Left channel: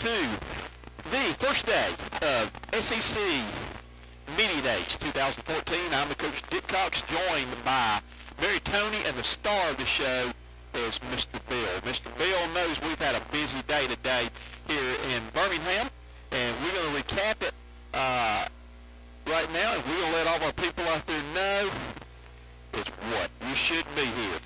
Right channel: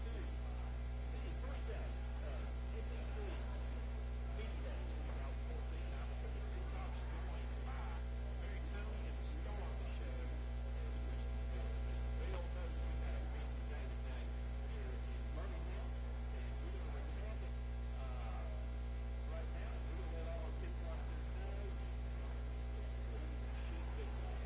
to the first day of SEC Media Days 2014. I'm the Coach Dick Cox, joined by Mary Toney, and the star of the show is Mr. Bill. Mr. Bill knows we've had a busy day today here in Birmingham, and we're going to recap it right now, and we're going to let all of our people out there know is what? You should be here.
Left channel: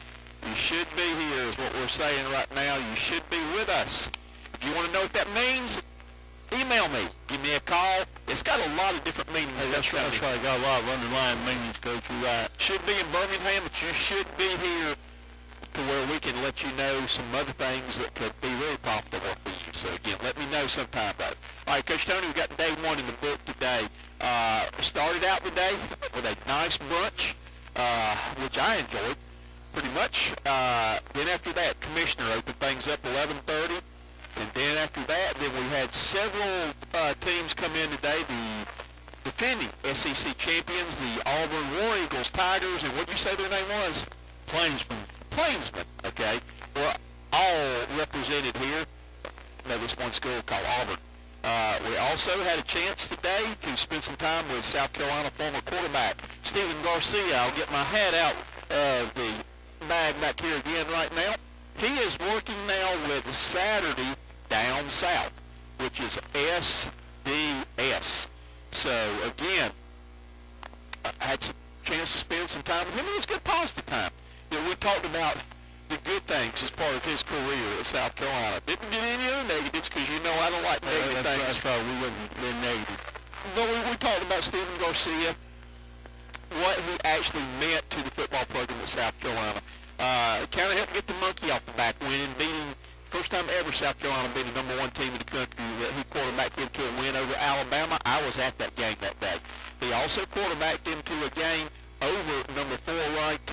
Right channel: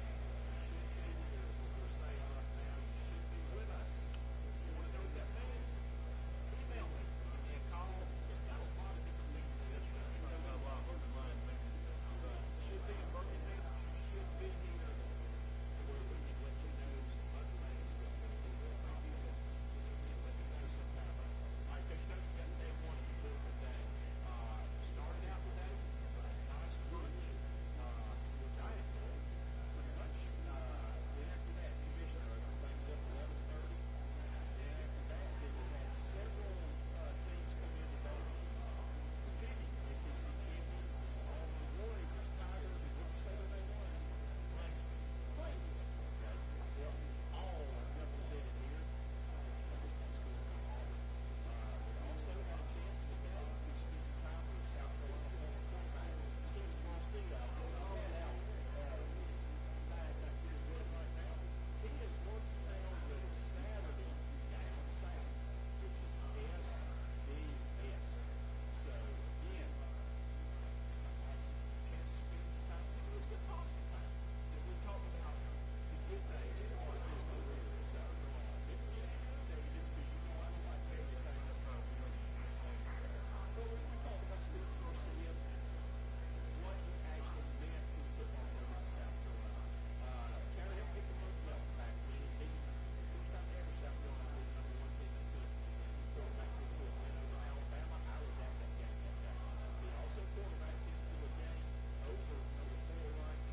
You should be here is what we're saying right now. You should be with us. If you want to know what that means, email me. Give me a call. It's got a lot of different meanings. Hey, that's right. Got a lot of underlying meanings, Coach. You're right. Should be in Birmingham, but you should be here to where we can let you know some other things that could be really profitable for you. So, again, let me know sometime about it. All right, Coach Toney, we've got day one in the book today. Started out the day with a nice brunch, which I enjoyed pretty much. Then after that, Commissioner opened things up 11:30. And then after that, then we had several teams come in today. The defending SEC champions, the Auburn War Eagles, Tigers, and what did you say their name was? Plainsmen. Plainsmen, okay. We're all represented here. No, this one school called Auburn. We also had a chance today to spend some time with South Carolina former quarterback Stephen Garcia. I'll get my hat out of the bag back here again right now. He is working now with Saturday Down South, which is SDS. So, again, I had some chance to spend some time with him. It was a good positive time. You know, we talked about the good things as part of his career at South Carolina. Didn't get any other negatives because, you know, I don't like negative things. That's right. We wouldn't be negative. But we talked about Stephen Garcia, what he actually meant to the football program at South Carolina. Kind of helped get the monkey off the back, winning, beating, first time ever South Carolina being the number one team in the country. He quarterbacked them to a win over Alabama. I was at that game that day. He also quarterbacked them to a game over number 4 ranked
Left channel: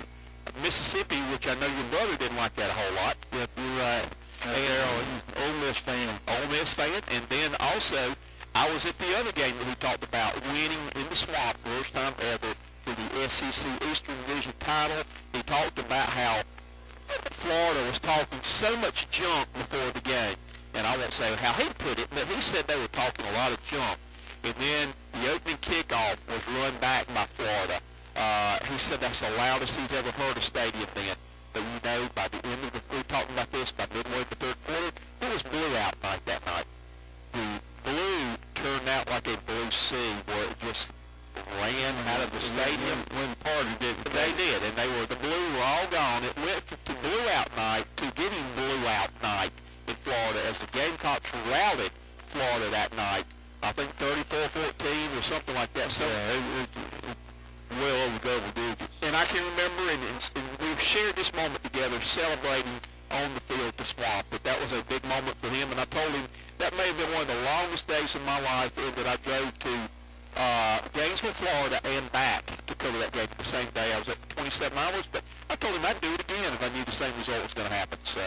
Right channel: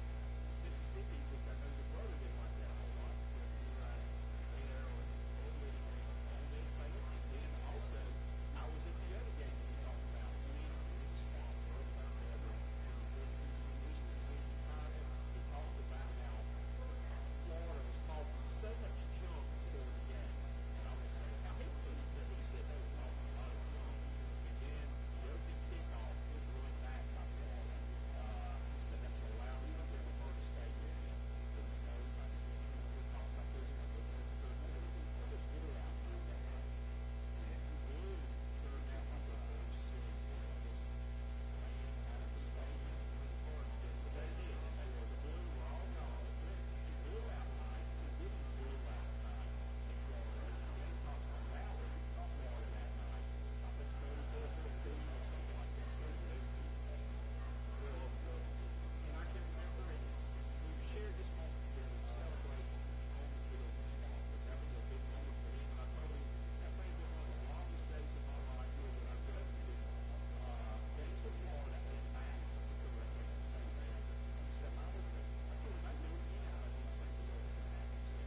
Mississippi, which I know your brother didn't like that a whole lot. Yep, you're right. Ole Miss fan. Ole Miss fan. And then also, I was at the other game that we talked about, winning in the Swamp, first time ever for the SEC Eastern Division title. He talked about how Florida was talking so much junk before the game. And I won't say how he put it, but he said they were talking a lot of junk. And then the opening kickoff was run back by Florida. He said that's the loudest he's ever heard a stadium then. But you know, by the end of we talking about this, by midway in the third quarter, it was blue out night that night. The blue turned out like a blue sea where it just ran out of the stadium. When party did. They did, and the blue were all gone. It went to blue out night to getting blue out night in Florida as the Gamecocks routed Florida that night. I think 34-14 or something like that. So well over double digits. And I can remember, and we've shared this moment together, celebrating on the field the Swamp. That was a big moment for him, and I told him that may have been one of the longest days of my life that I drove to Gainesville, Florida, and back to cover that game the same day. I was up for 27 hours, but I told him I'd do it again if I knew the same result was going to happen. So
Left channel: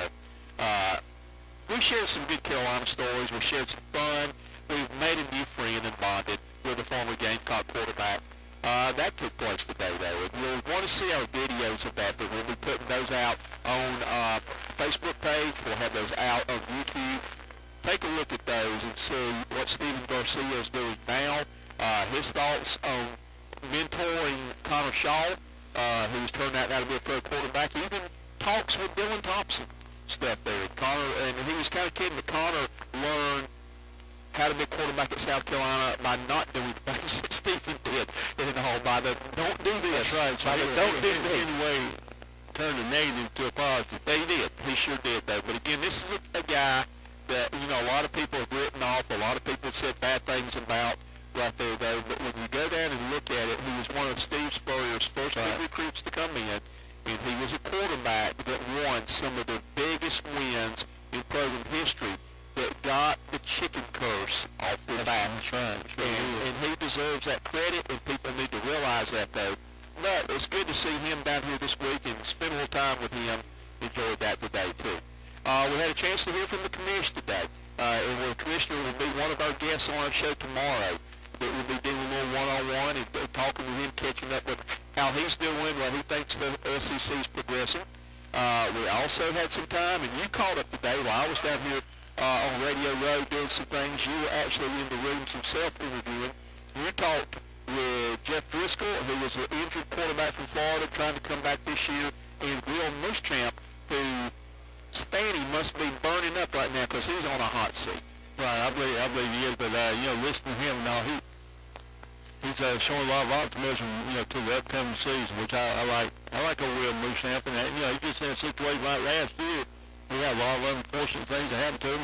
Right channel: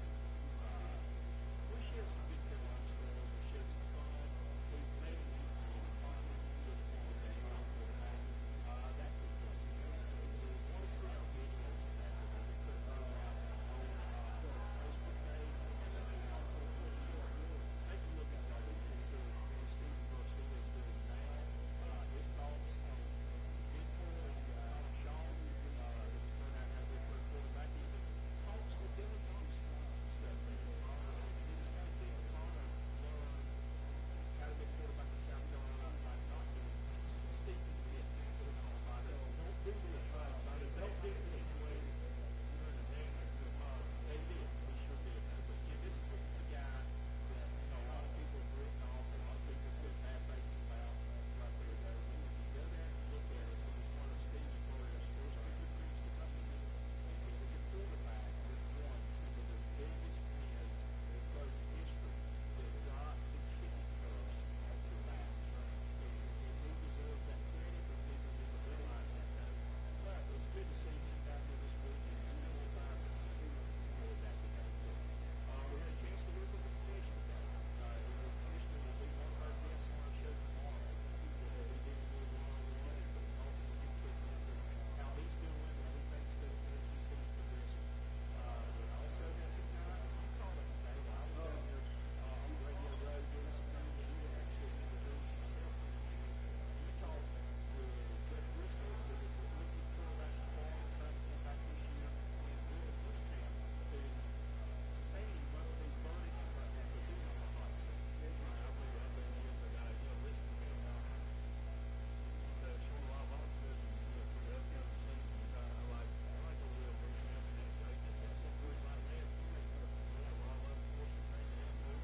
we shared some good Carolina stories. We shared some fun. We've made a new friend and bonded with a former Gamecock quarterback. That took place today, though. And you'll want to see our videos of that, but we'll be putting those out on Facebook page. We'll have those out on YouTube. Take a look at those and see what Stephen Garcia is doing now. His thoughts on mentoring Connor Shaw, who's turned out now to be a pro quarterback. Even talks with Dylan Thompson stuff there. And he was kind of kidding that Connor learned how to be a quarterback at South Carolina by not doing things that Stephen did. By the don't do this. That's right. By the don't do this. Anyway, turned a negative to a positive. He did. He sure did, though. But again, this is a guy that, you know, a lot of people have written off. A lot of people have said bad things about right there, though. But when you go down and look at it, he was one of Steve Spurrier's first big recruits to come in. And he was a quarterback that won some of the biggest wins in program history that got the chicken curse off the back. That's right. And he deserves that credit, and people need to realize that, though. But it's good to see him down here this week and spend a little time with him. Enjoyed that today, too. We had a chance to hear from the commissioner today. And the commissioner will be one of our guests on our show tomorrow. That we'll be doing a little one-on-one and talking with him, catching up with how he's doing, what he thinks the SEC is progressing. We also had some time, and you called up today while I was down here on Radio Row doing some things. You were actually in the rooms himself interviewing. You talked with Jeff Driscoll, who was an injured quarterback from Florida trying to come back this year, and Will Muschamp, whose fanny must be burning up right now because he's on a hot seat. Right, I believe he is, but, listening to him now, he's showing a lot of optimism, to the upcoming season, which I like. I like old Will Muschamp, and, he gets in a situation like last year. We had a lot of unfortunate things that happened to him,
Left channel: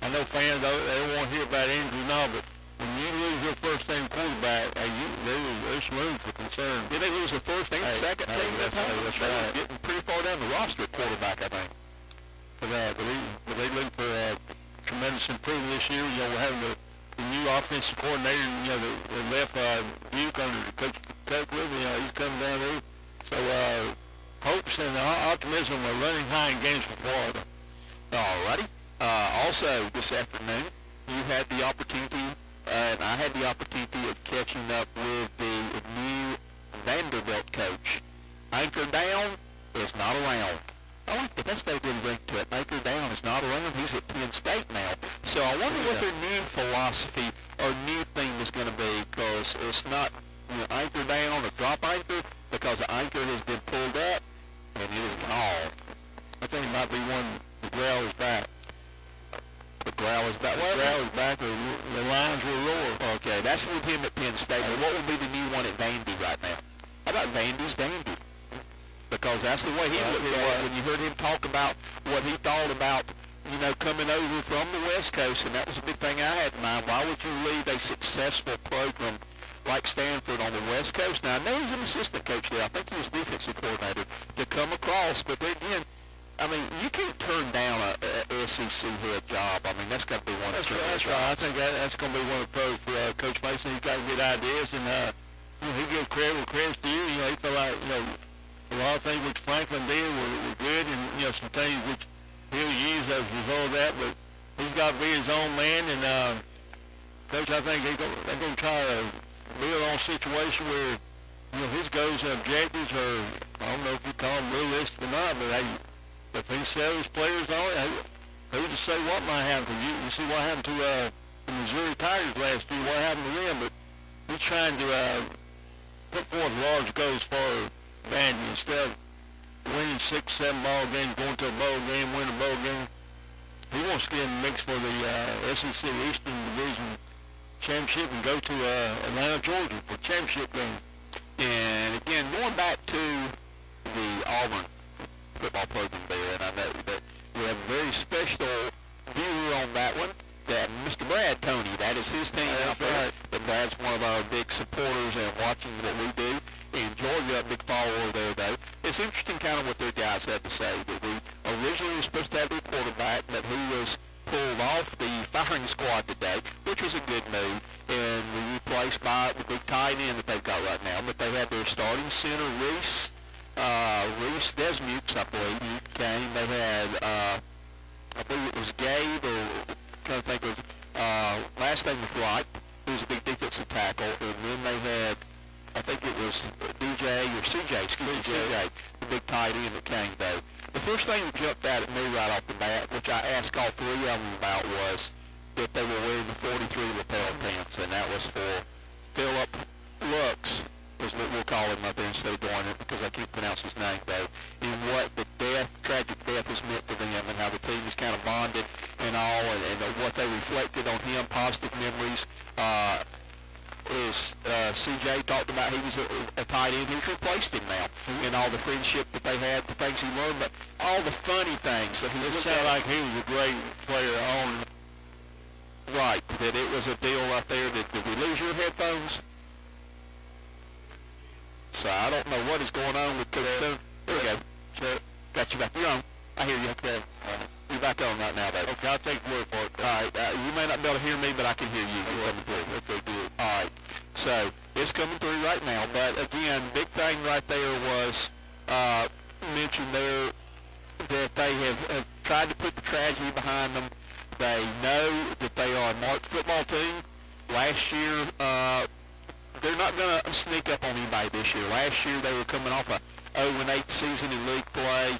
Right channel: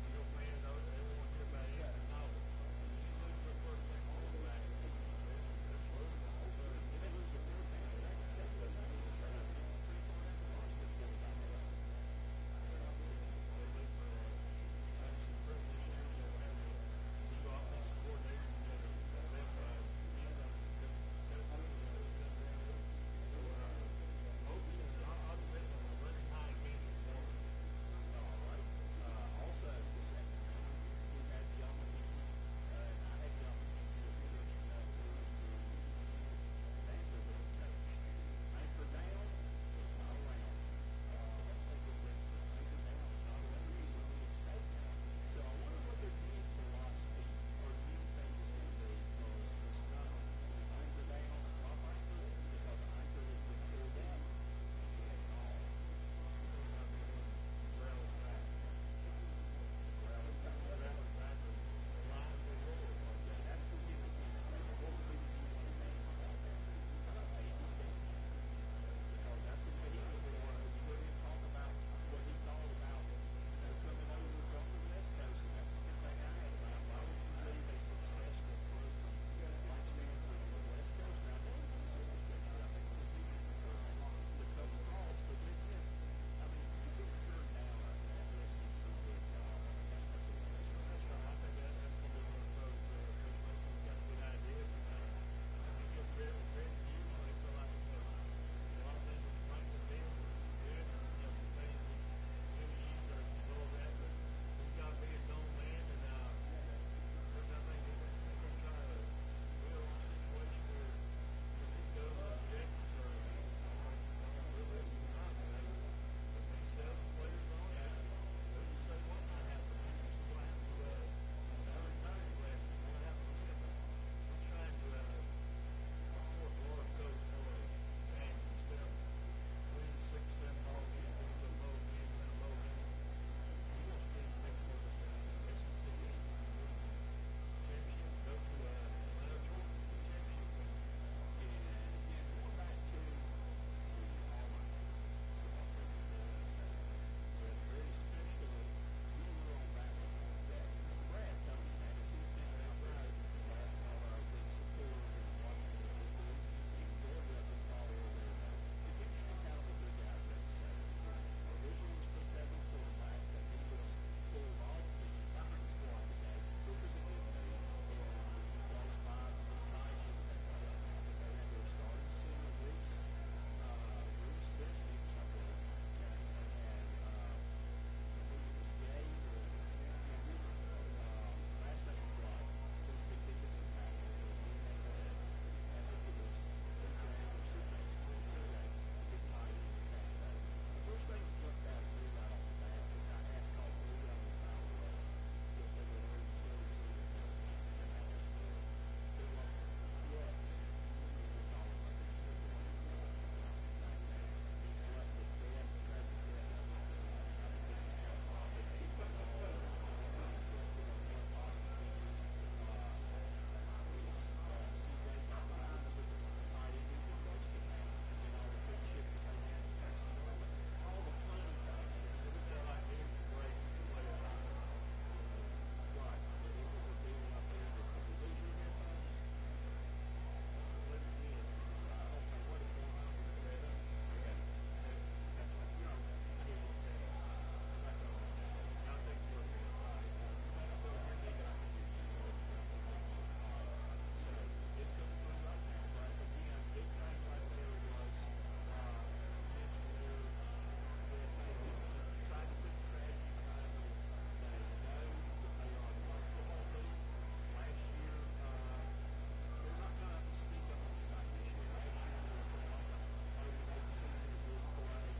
I know fans, they don't want to hear about injuries now, but when you lose your first-team quarterback, there's room for concern. Did they lose the first and second team that time? That's right. Getting pretty far down the roster at quarterback, I think. But they look for tremendous improvement this year. We're having the new offensive coordinator, that left Duke under Coach Tuckwood. He's coming down there. So hopes and optimism are running high in games for Florida. All righty. Also, this afternoon, you had the opportunity, and I had the opportunity of catching up with the new Vanderbilt coach. Anchor down is not around. Oh, but that's got a good ring to it. Anchor down is not around. He's at Penn State now. So I wonder what their new philosophy or new thing is going to be, because it's not anchor down or drop anchor, because the anchor has been pulled up and it is gone. I think it might be one, the growl is back. The growl is back. The growl is back, or the lines will roar. Okay, that's with him at Penn State. But what would be the new one at Vandy right now? How about Vandy's Dandy? Because that's the way he looked at it when you heard him talk about what he thought about, coming over from the West Coast, and that was a big thing I had in mind. Why would you leave a successful program like Stanford on the West Coast? Now, I know he's an assistant coach there. I think he was defensive coordinator to come across, but then again, you can't turn down a SEC head job. That's got to be one of the That's right. I think that's going to be one of the pros for Coach Mason. He's got good ideas, and he gives credit where credit's due. He felt like, a lot of things which Franklin did were good, and, some things which he'll use as a result of that, but he's got to be his own man, and Coach, I think they're going to try to build on a situation where, his goals and objectives are, I don't know if you call them realistic or not, but if he sells players on it, who's to say what might happen? You see what happened to the Missouri Tigers last year, what happened to them, but he's trying to put forth large goals for Vandy. Instead of winning 6, 7 ball games, going to a bowl game, win a bowl game, he wants to get in the mix for the SEC Eastern Division Championship and go to Atlanta, Georgia for championship game. And again, going back to the Auburn football program there, and I know that we have a very special viewer on that one, that Mr. Brad Toney, that is his team out there. And Brad's one of our big supporters and watching what we do. In Georgia, a big follower there, though. It's interesting kind of what their guys had to say. That we originally were supposed to have their quarterback, but he was pulled off the firing squad today, which was a good move, and replaced by the big tight end that they've got right now. But they had their starting center, Reese Desmukes, I believe, came. They had, I believe it was Gabe, or I'm trying to think it was, last name was Wright, who was a big defensive tackle, and then they had, I think it was CJ, the big tight end that came, though. The first thing that jumped out at me right off the bat, which I asked all three of them about, was that they were wearing the 43 lapel pants, and that was for Philip Lux, is what we'll call him up there instead of Dornan, because I can't pronounce his name, though, and what the tragic death has meant to them, and how the team is kind of bonded and all, and what they reflected on him, positive memories. CJ talked about he was a tight end who's replaced him now, and all the friendship that they had, the things he learned, but all the funny things that he looked at. Like he was a great player on. Right, that it was a deal right there. Did we lose your headphones? So I don't know what is going on with Coach Stone. There we go. Got you back. You're on. I hear you. Okay. You're back on right now, baby. Okay, I'll take the word for it. All right. You may not be able to hear me, but I can hear you. You're coming through. Okay, good. All right. So it's coming through right now. But again, big thing right there was mentioned there that they have tried to put the tragedy behind them. They know that they are a marked football team. Last year, they're not going to sneak up on anybody this year. Last year, they were coming off a 0-8 season in league play.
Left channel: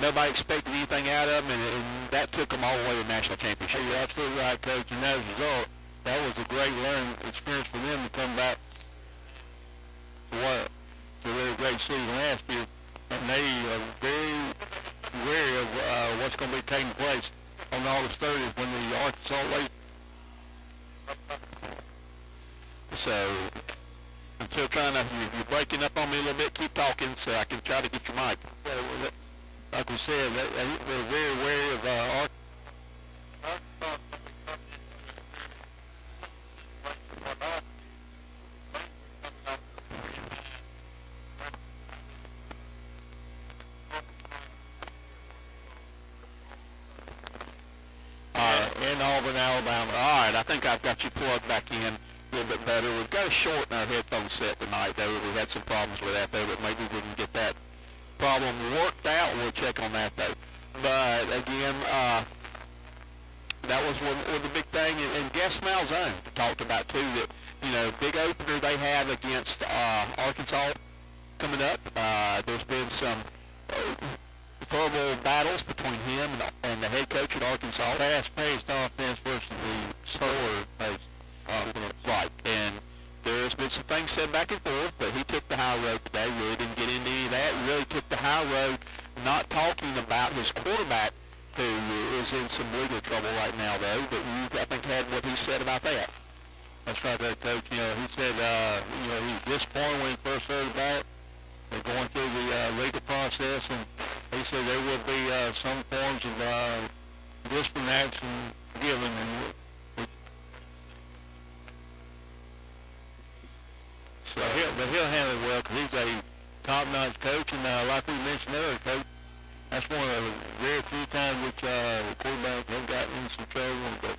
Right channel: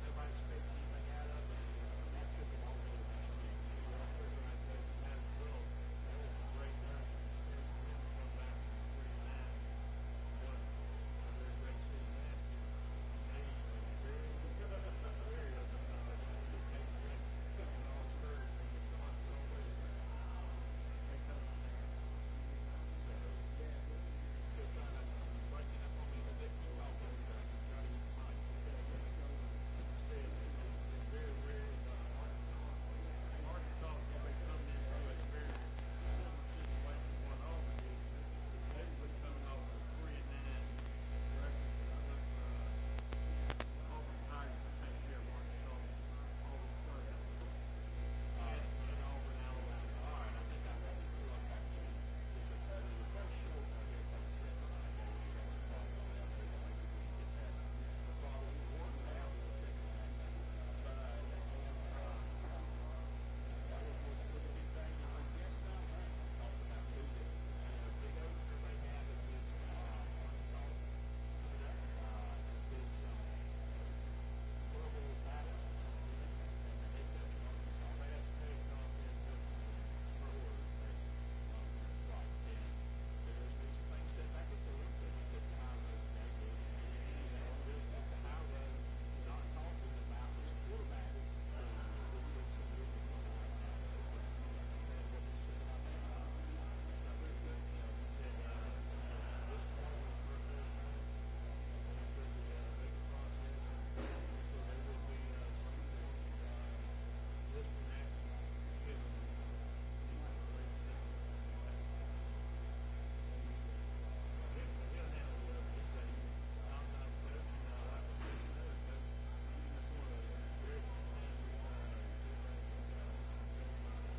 Nobody expected anything out of them, and that took them all the way to the national championship. You're absolutely right, Coach. And as a result, that was a great learning experience for them to come back to what? To a really great season last year. And they are very wary of what's going to be taking place on August 30th when the Arkansas Lake. So, until trying to, you're breaking up on me a little bit, keep talking so I can try to get your mic. Like we said, they're very wary of Arkansas. In Auburn, Alabama. All right, I think I've got you plugged back in a little bit better. We've got a short in our headphone set tonight, though. We had some problems with that, though, but maybe we can get that problem worked out. We'll check on that, though. But, again, that was one of the big thing. And Gas Malzone talked about, too, that, you know, big opener they have against Arkansas coming up. There's been some verbal battles between him and the head coach at Arkansas. Fast-paced offense versus the slower-paced offense. Right, and there's been some things said back and forth, but he took the high road today. Really didn't get into any of that. Really took the high road, not talking about his quarterback, who is in some legal trouble right now, though. But you, I think, had what he said about that. That's right, there, Coach. You know, he said, he was disappointed when he first heard about it. They're going through the legal process, and he said there will be some forms of discipline action given. But he'll handle it well because he's a top-notch coach, and like we mentioned earlier, Coach, that's one of the very few times which quarterbacks have gotten in some trouble. But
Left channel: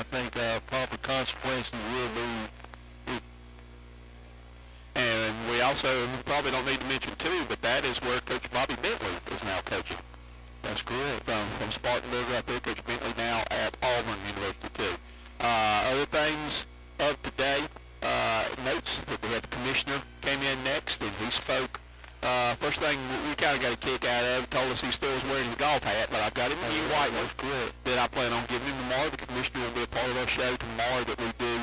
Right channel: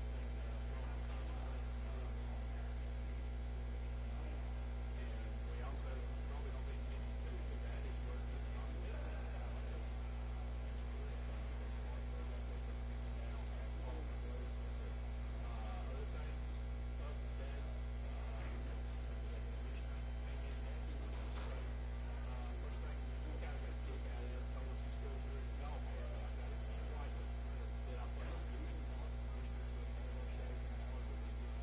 I think proper consequences will be. And we also probably don't need to mention, too, but that is where Coach Bobby Bentley is now coaching. That's correct. From Spartanburg right there, Coach Bentley now at Auburn University, too. Other things of today, notes that we had the commissioner came in next, and he spoke. First thing we kind of got a kick out of, told us he still was wearing his golf hat, but I've got him a new white one that I plan on giving him tomorrow. The commissioner will be a part of our show tomorrow that we do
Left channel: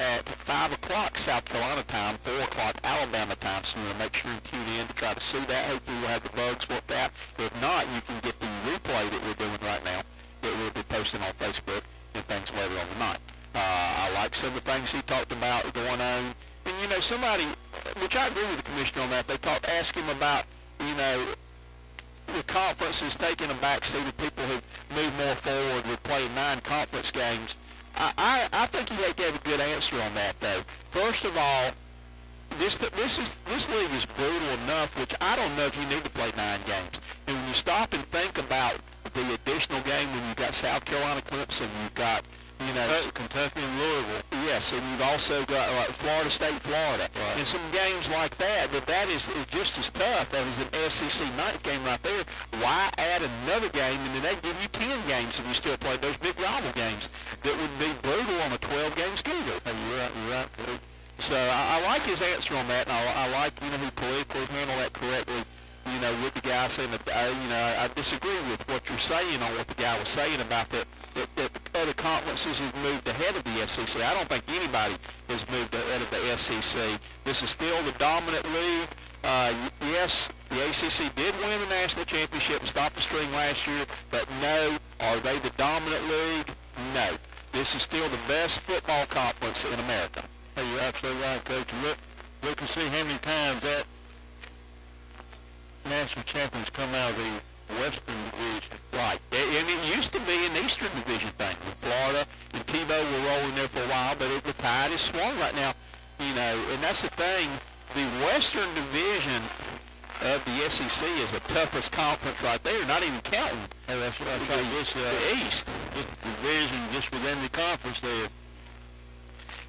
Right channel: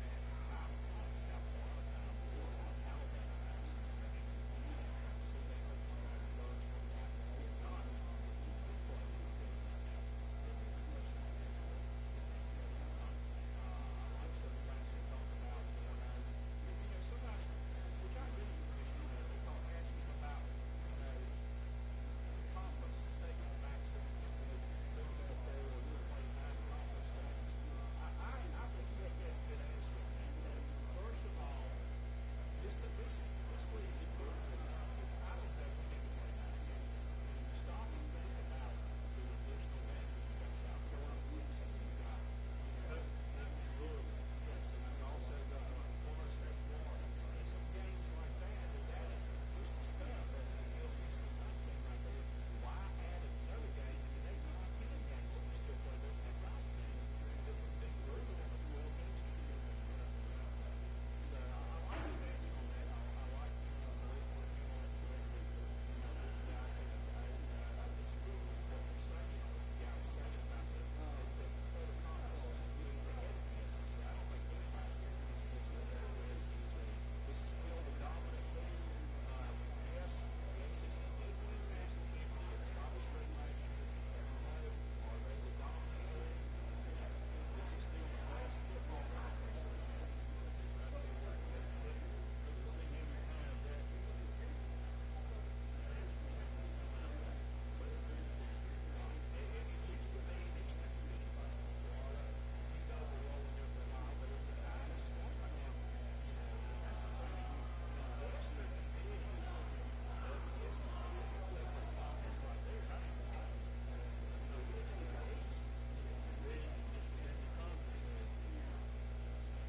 at 5 o'clock South Carolina time, 4 o'clock Alabama time, so we'll make sure you tune in to try to see that. Hopefully we'll have the bugs worked out. If not, you can get the replay that we're doing right now that we'll be posting on Facebook and things later on tonight. I like some of the things he talked about going on. And, you know, somebody, which I agree with the commissioner on that, they asked him about, you know, the conference is taking a backseat of people who move more forward with playing 9 conference games. I think he gave a good answer on that, though. First of all, this league is brutal enough, which I don't know if you need to play 9 games. And when you stop and think about the additional game, when you've got South Carolina Clemson, you've got, you know, Kentucky and Louisville. Yes, and you've also got like Florida State, Florida, right. And some games like that. But that is just as tough as an SEC ninth game right there. Why add another game and then they give you 10 games if you still play those big rival games that would be brutal on a 12-game schedule? You're right. So I like his answer on that, and I like, you know, he politically handled that correctly. You know, with the guy saying that, you know, I disagree with what you're saying on what the guy was saying about that other conferences has moved ahead of the SEC. I don't think anybody has moved ahead of the SEC. This is still the dominant league. Yes, the ACC did win the national championship and stop the streak last year, but no, are they the dominant league? No. This is still the best football conference in America. Hey, you're absolutely right, Coach. Look and see how many times that national champions come out of the Western Division. Right. And it used to be an Eastern Division thing. Florida and Tebow were rolling there for a while, but the tide is swung right now. You know, and that's the thing. The Western Division of the SEC is the toughest conference right there, not even counting the East. This division just within the conference there.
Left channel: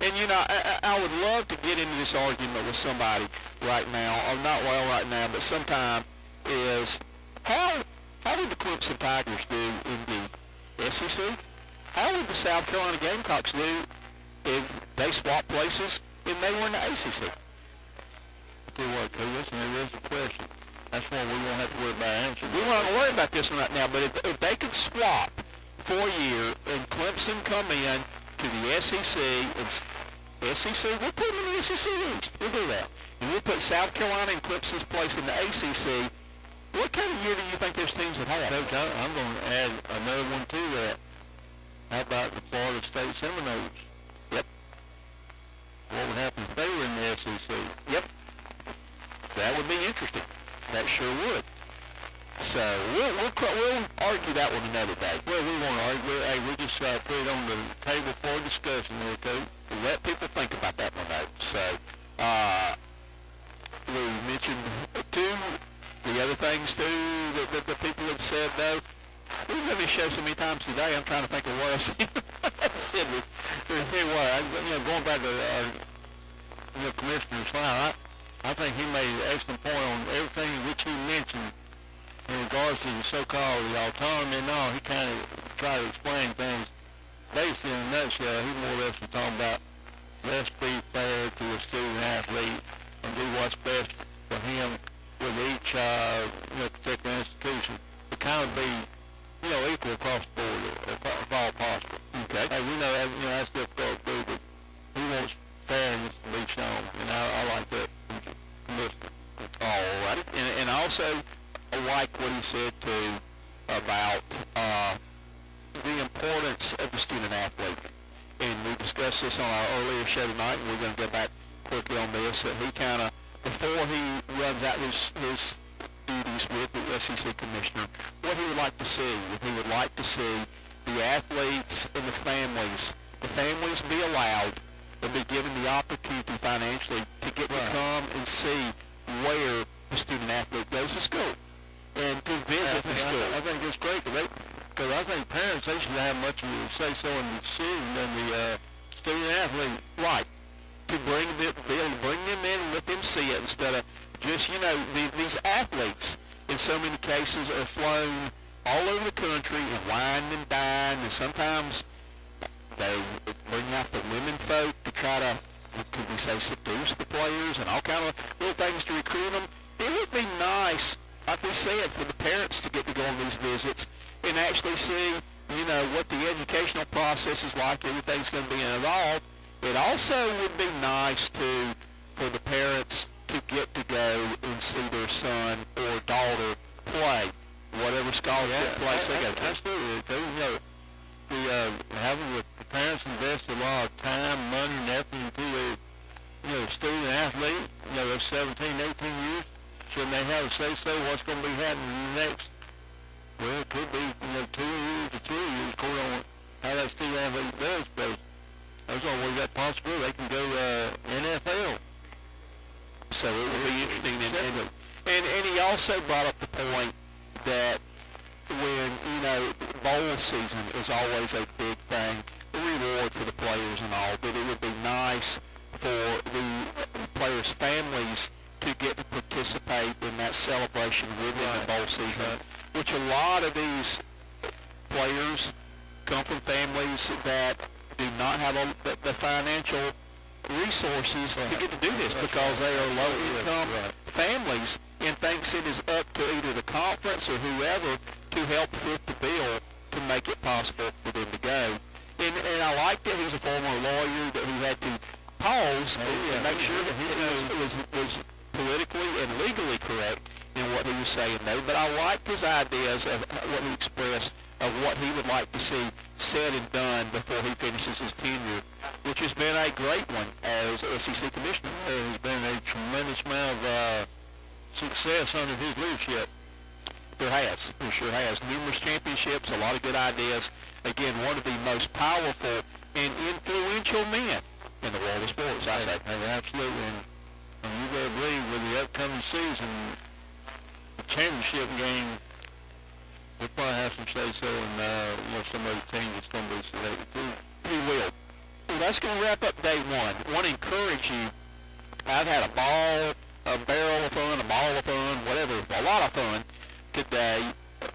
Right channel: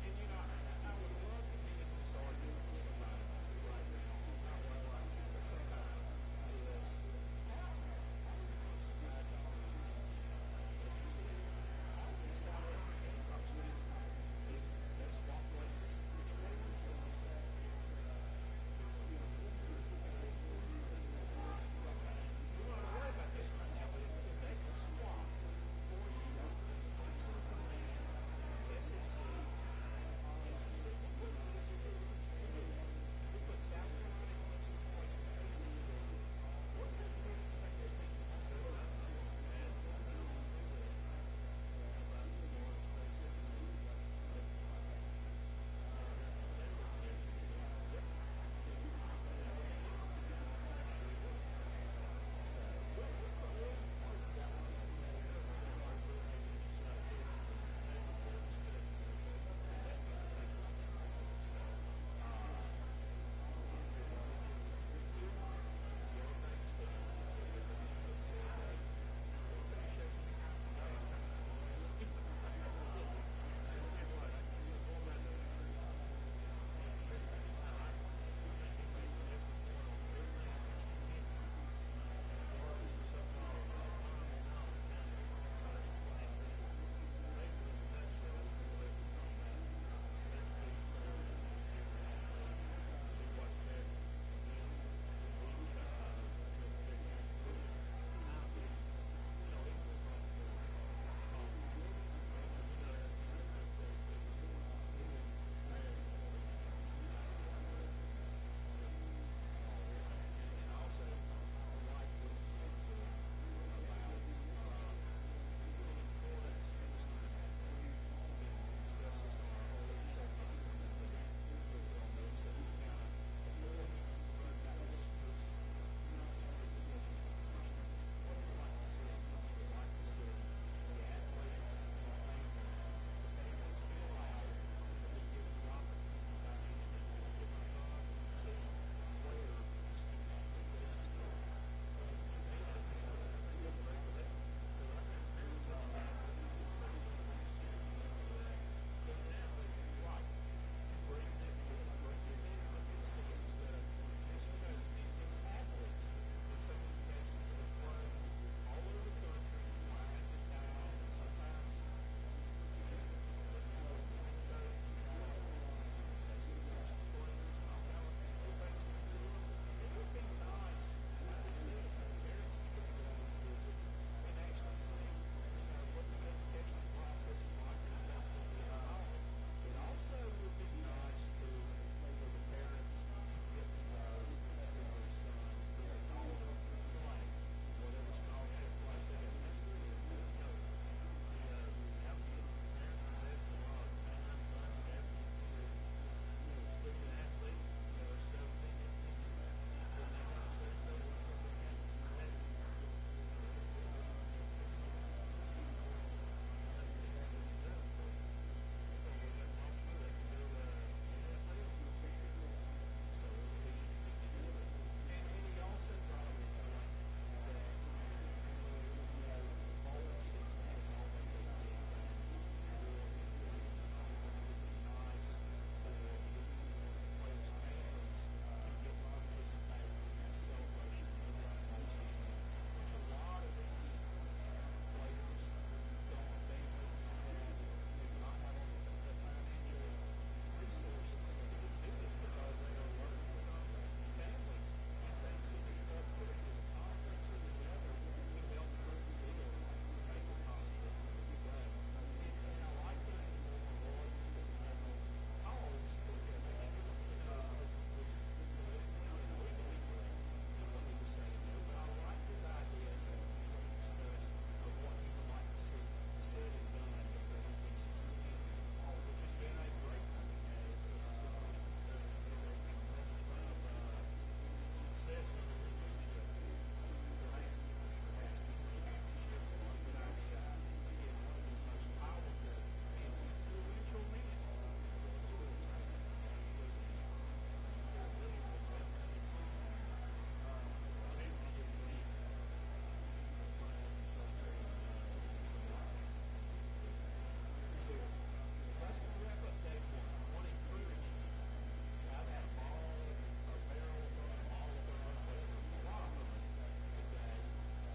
And, you know, I would love to get into this argument with somebody right now, or not right now, but sometime, is how did the Clemson Tigers do in the SEC? How would the South Carolina Gamecocks do if they swapped places and they were in the ACC? Tell you what, listen, there is a question. That's one we won't have to worry about we're not going to worry about this one right now, but if they could swap for a year and Clemson come in to the SEC, we'll put them in the SEC East. We'll do that. And we'll put South Carolina in Clemson's place in the ACC. What kind of year do you think those teams would have? Coach, I'm going to add another one to that. How about the Florida State Seminoles? Yep. What would happen if they were in the SEC? Yep. That would be interesting. That sure would. So we'll argue that one another day. Well, we won't argue. Hey, we just put it on the table for discussion here, Coach. Let people think about that one, though. So we mentioned the other things too that the people have said, though. We've done this show so many times today, I'm trying to think of what I've seen. I'll tell you what, going back to our Commissioner Slide, I think he made an excellent point on everything which he mentioned in regards to the so-called autonomy and all. He kind of tried to explain things. Basically, in a nutshell, he more or less was talking about let's be fair to a student athlete and do what's best for him with each particular institution. To kind of be equal across the board, if all possible. Okay. Hey, we know that's difficult to do, but he wants fairness to be shown, and I like that from listening. All right. And I also like what he said too about the importance of the student athlete. And we discussed this on our earlier show tonight, and we're going to go back quickly on this. That he kind of, before he runs out his duties with the SEC commissioner, what he would like to see. He would like to see the athletes and the families be allowed and be given the opportunity financially to get to come and see where the student athlete goes to school and to visit the school. I think it's great because I think parents, they should have much of a say-so in the decision than the student athlete. Right. To bring them in and let them see it instead of just, these athletes in so many cases are flown all over the country and wine and dine, and sometimes they bring out the women folk to try to, could we say, seduce the players and all kind of little things to recruit them. It would be nice, like we said, for the parents to get to go on these visits and actually see, what the educational process is like, everything's going to be involved. It also would be nice for the parents to get to go and see their son or daughter play, whatever scholarship place they go to. Absolutely. Having the parents invest a lot of time, money, and effort into a student athlete, they're 17, 18 years, shouldn't they have a say-so what's going to be happening in the next, it could be 2 years to 3 years, according on how that student athlete does, but there's always that possibility they can go NFL. So it will be interesting. And he also brought up the point that when, bowl season is always a big thing, the reward for the players and all, but it would be nice for the players' families to get to participate in that celebration within the bowl season, which a lot of these players come from families that do not have the financial resources to get to do this because they are low-income families and thinks it is up to either the conference or whoever to help foot the bill to make it possible for them to go. And I like that he's a former lawyer who had to pause and make sure that he was politically and legally correct in what he was saying, though. But I liked his ideas of what he expressed of what he would like to see said and done before he finishes his tenure, which has been a great one as SEC commissioner. There's been a tremendous amount of success under his leadership. There sure has. Numerous championships, a lot of good ideas. Again, one of the most powerful and influential men in the world of sports, I say. Absolutely. And you better believe with the upcoming season, the championship game, he'll probably have some say-so in some of the teams that's going to be selected too. He will. Well, that's going to wrap up day one. I want to encourage you. I've had a barrel of fun, a ball of fun, whatever, a lot of fun today,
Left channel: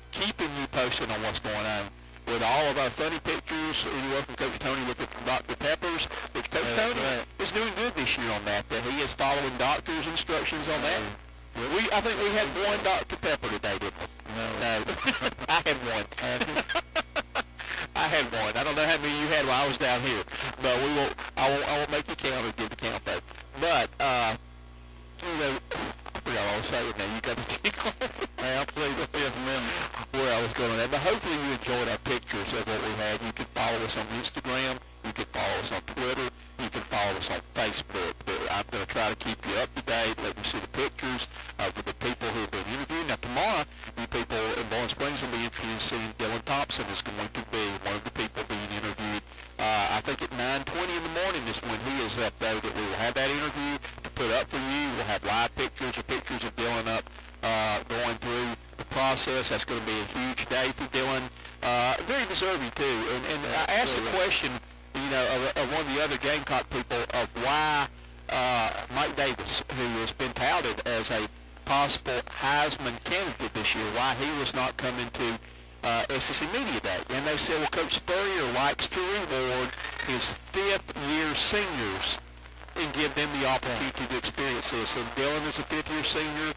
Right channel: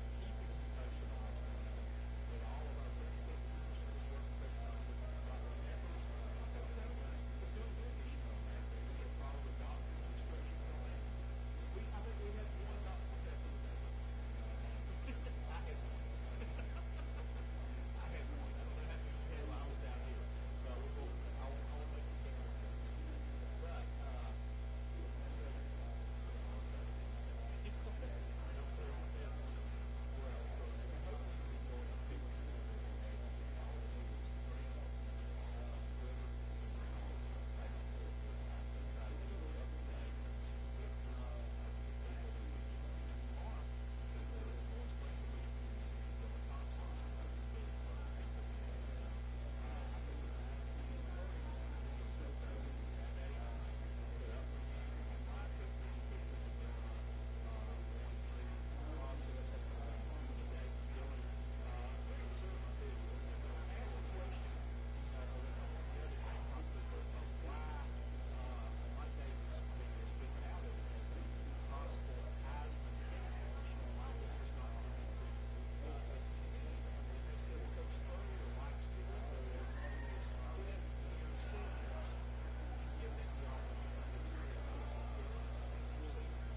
keeping you posted on what's going on with all of our funny pictures, anywhere from Coach Toney with it from Dr. Peppers, which Coach Toney is doing good this year on that he is following doctor's instructions on that. I think we had one Dr. Pepper today, didn't we? No. I had one. I had one. I don't know how many you had while I was down here, but I won't make you count or give the count though. But you know, I forgot all to say it now. You got the tickle. Hey, I'll play the fifth amendment where I was going at. But hopefully you enjoyed our pictures of what we had. You can follow us on Instagram. You can follow us on Twitter. You can follow us on Facebook. I'm going to try to keep you up to date, let you see the pictures of the people who have been interviewed. Now, tomorrow, you people in Bowling Springs will be interested in seeing Dylan Thompson is going to be one of the people being interviewed. I think at 9:20 in the morning is when he is up there that we will have that interview to put up for you. We'll have live pictures or pictures of Dylan up going through the process. That's going to be a huge day for Dylan. Very deserving, too. And I asked the question, you know, of one of the other Gamecock people of why Mike Davis, who has been touted as a possible Heisman candidate this year, why he was not coming to SEC Media Day. And they said, well, Coach Spurrier likes to reward his fifth-year seniors and give them the opportunity to experience this. And Dylan is a fifth-year senior.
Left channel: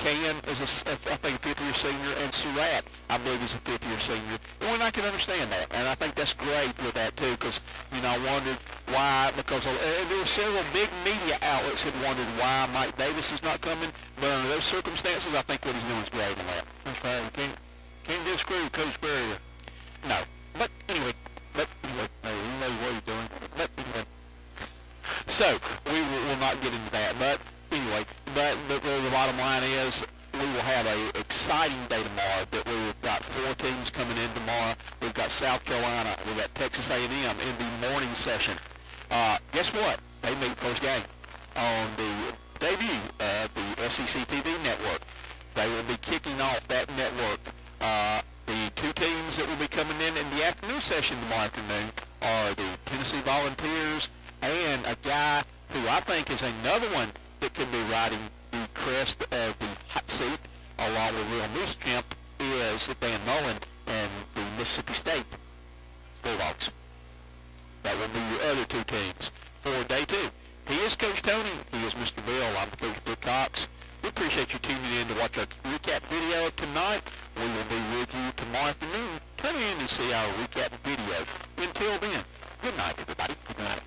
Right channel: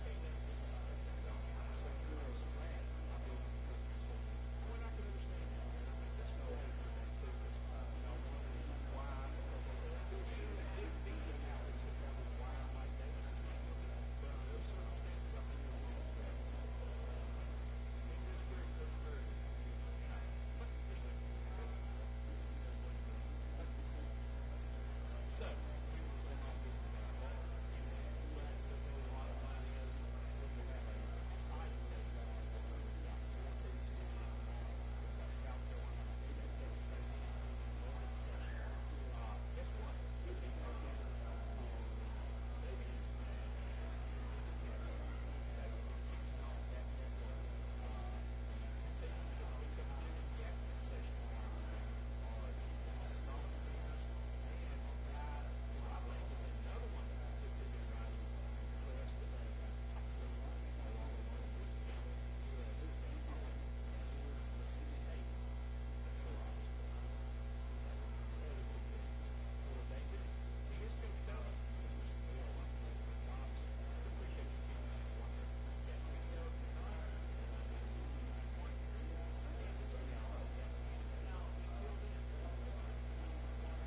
Cam is, I think, a fifth-year senior. And Surratt, I believe, is a fifth-year senior. And I can understand that. And I think that's great with that, too, because, you know, I wondered why, because there were several big media outlets had wondered why Mike Davis is not coming. But under those circumstances, I think what he's doing is great on that. That's right. Can't disagree with Coach Spurrier. No. But anyway, hey, he knows what he's doing. But anyway. So, we will not get into that, but anyway, but the bottom line is we will have an exciting day tomorrow. That we've got 4 teams coming in tomorrow. We've got South Carolina, we've got Texas A&M in the morning session. Guess what? They meet first game on the debut of the SEC TV network. They will be kicking off that network. The 2 teams that will be coming in the afternoon session tomorrow afternoon are the Tennessee Volunteers and a guy who I think is another one that could be riding the crest of the hot seat along with Will Muschamp is Dan Mullen and the Mississippi State Bulldogs. That will be your other 2 teams for day 2. He is Coach Toney. He is Mr. Bill. I'm Coach Bill Cox. We appreciate you tuning in to watch our recap video tonight. We will be with you tomorrow afternoon. Tune in to see our recap video. Until then, good night, everybody. Good night.